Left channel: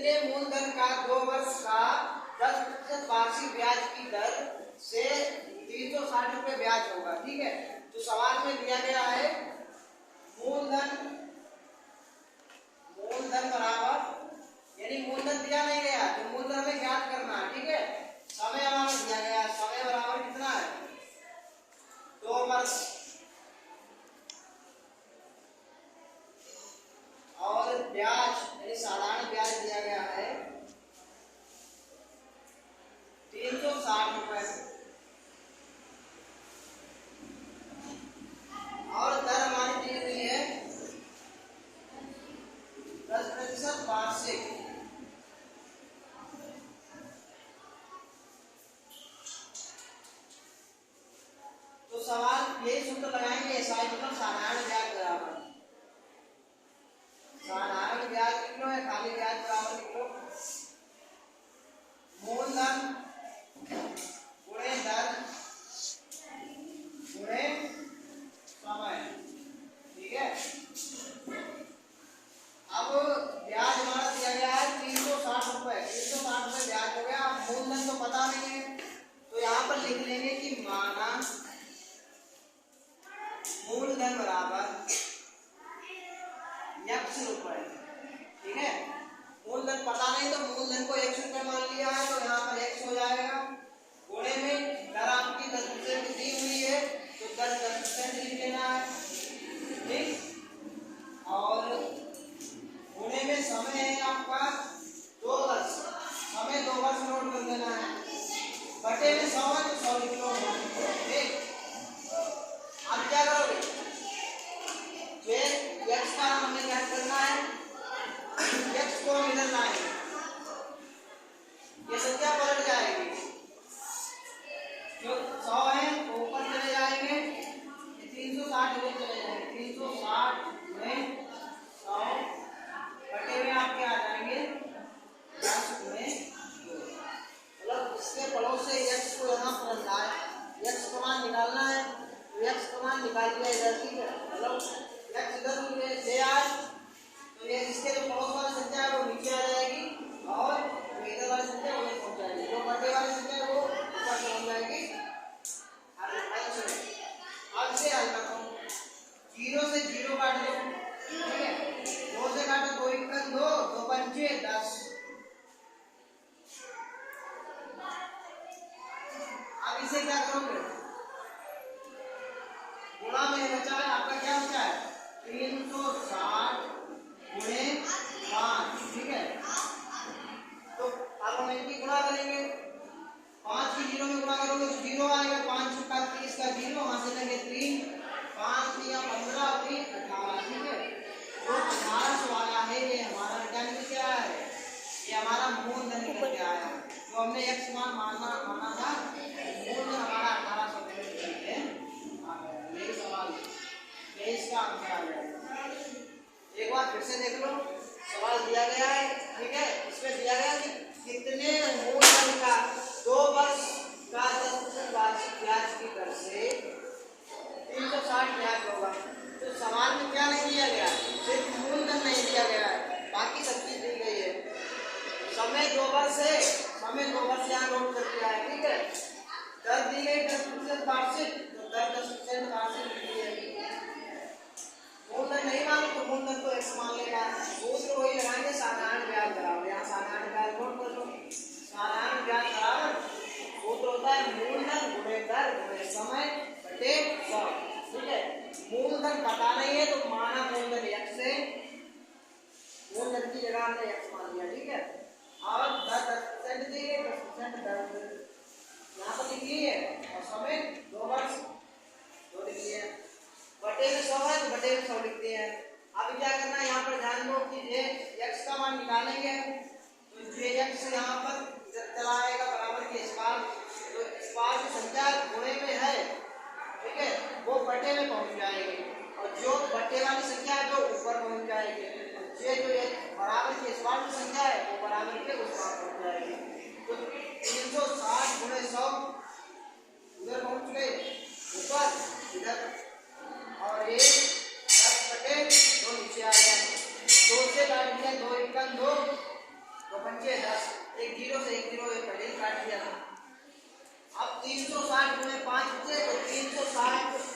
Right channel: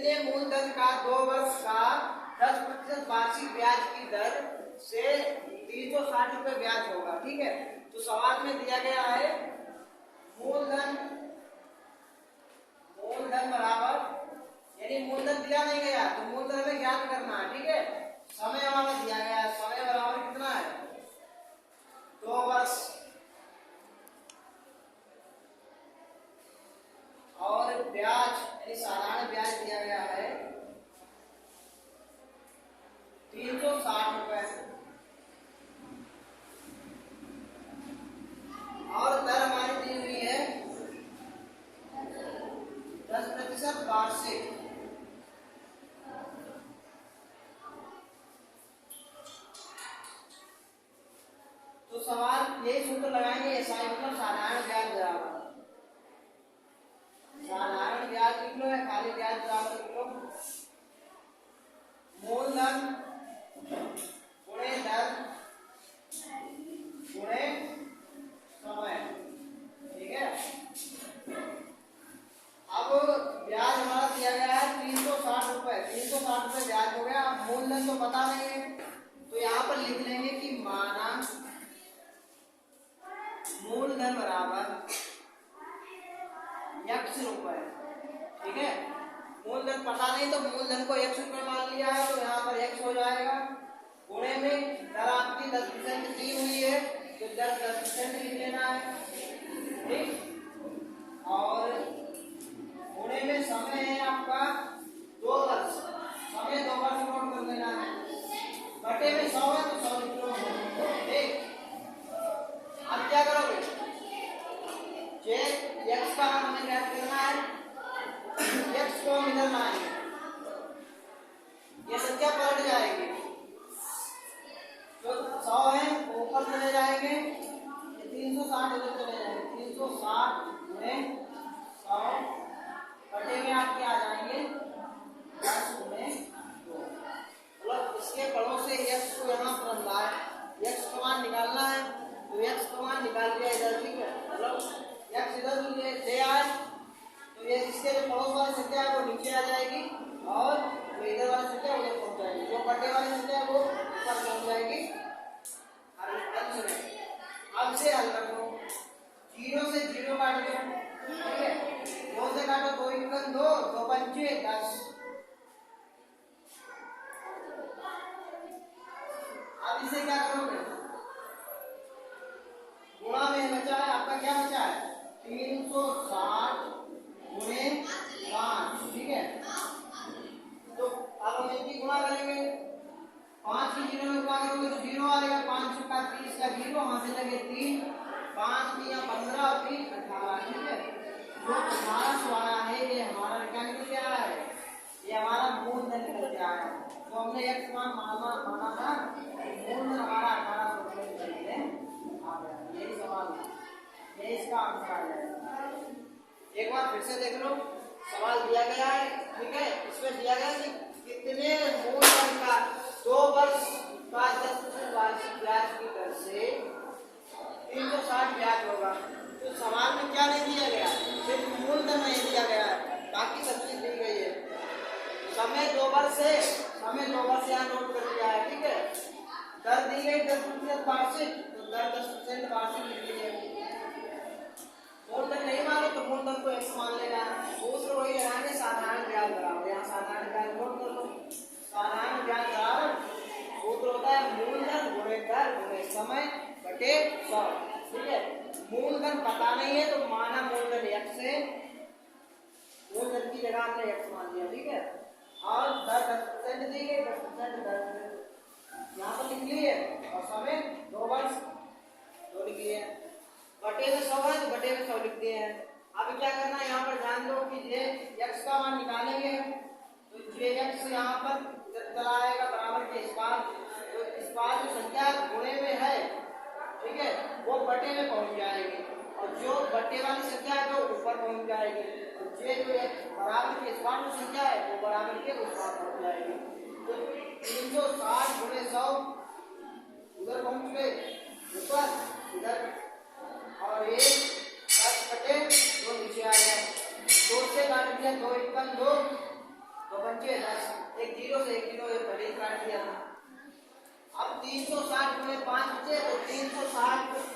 कितने मूलधन का 2 वर्ष का 10% वार्षिक ब्याज की दर से 360 रुपए ब्याज होगा। ठीक है, तो सवाल में दिया गया है मूलधन बराबर, यानी मूलधन दिया नहीं गया तो मूलधन हमें ज्ञात करना है। ठीक है, समय हमें दिया गया है, समय बराबर कितना है 2 वर्ष, और ब्याज यानी साधारण ब्याज दिया गया है 360 रुपए, और दर हमारी दी हुई है 10% वार्षिक। तो सवाल यही सूत्र लगाएंगे, एसआई मतलब साधारण ब्याज बराबर, साधारण ब्याज लिख लो या खाली ब्याज बराबर लिख लो, मूलधन गुणे दर गुणे समय। ठीक है, अब ब्याज हमारा दिया गया है 360 रुपए, 360 रुपए ब्याज हो गया। अब मूलधन तो पता नहीं है तो यहाँ पर लिख लेंगे कि माना मूलधन बराबर x रुपए। ठीक है, मूलधन पता नहीं तो मूलधन को x रुपए मान लिया है तो यहाँ पर x हो जाएगा, गुणे में दर आपकी 10% दी हुई है तो 10% लिख लेना है। ठीक, और गुणे में समय है आपका 2 वर्ष, समय 2 वर्ष नोट कर लेना है, बटे में 100 है तो 100 लिख लो। ठीक, अब क्या करोगे, जे x का हमें क्या करना है, x को इधर लाएंगे, ये संख्या पलट जाएगी, जो 100 है वो ऊपर चले जाएंगे, ये 360 इधर चले जाएंगे, 360 में 100 बटे में आपके आ जाएंगे 10 गुणे 2। मतलब इसके पड़ोस से x को यहाँ पर रखना है, x का मान निकालना है तो x का मान निकाल दिया इधर। ठीक है, मतलब x इधर ले आए तो ये इसके जो पड़ोस वाली संख्या है वो नीचे आ जाएगी और जो इधर वाली संख्या उधर पहुंच जाएगी, जो बटे वाली संख्या है वो ऊपर पहुंच जाएगी अंश में। अब से हल करो, 0 से 0 काट दो। ठीक है, 2 से काटो, 2 1 2, 2 पंचे 10। अब इसे क्या करोगे, गुणा में बचा है आपका, क्या बचा है 360 गुणे 5। ठीक है, तो अब हम इनकी गुणा करेंगे, 5 की 0 में गुणा करोगे तो 0 आएगा, 5 का 30 का 0, वहां से लेंगे 3, 5 या 15 और 3 18। ठीक है, जो 1800 आया है ये हमारा क्या निकल के आया है, ये हमारा मूलधन निकल के आया है। तो हमने x मान माना था, मूलधन हमारा 1800 रुपये निकल के आ गया। यही सवाल, यही इसका आंसर आ जाएगा। एक बार फिर से देख लो, सवाल दिया गया है। ठीक है, इसमें दिया गया है कि कितने मूलधन का 2 वर्ष का 10% वार्षिक ब्याज की दर से 360 ब्याज होगा। तो सवाल में क्या नहीं दिया गया, सिर्फ मूलधन नहीं दिया गया है, बाकी सब चीज दी गई है। समय 2 वर्ष है, समय 2 वर्ष यहाँ नोट कर दिया है। ठीक है, दर दी गई 10% वार्षिक, तो दर 10% वार्षिक लिख दी जाएगी। मूलधन नहीं माने तो मूलधन को x मान लेना, सूत्र वही लगाएंगे साधारण ब्याज बराबर, यहाँ साधारण ब्याज नोट कर लो, साधारण ब्याज बराबर सूत्र होता है मूलधन गुणे दर गुणे समय बटे 100। ठीक है, मूलधन पता नहीं है तो माना मूलधन x है, मूलधन की जगह हमने x मान लिया। ठीक है, और 10% दी गई, 10% दर यहाँ पर लिख लिए और समय 2 वर्ष 2 लिख लिए, बटे में 100 है तो बटे में 100 लिख दिए हैं। अब क्या करना है, यहाँ पर ध्यान दो कि ये x का मान निकालेंगे तो ये x यहाँ पर चला आएगा बराबर के इस पार, तो इस पार जो संख्या गुणे में है, ठीक है, वो बटे में पहुंच जाएगी, और जो बटे वाली संख्या है वो ऊपर पहुंच जाएगी, और ये जो बराबर के इस पार जो संख्या है वो बराबर के उस पार पहुंच जाएगी। तो 360 गुणे 100 उधर पहुंच गए ऊपर इधर, और ये 10 बटे 2 नीचे आ गया, 2 से काट दिया, 2 1 2, तो पंचे 10, एक जीरो से एक जीरो पहले ही काट दिया था। अब 360 गुणे 5 बचे तो 360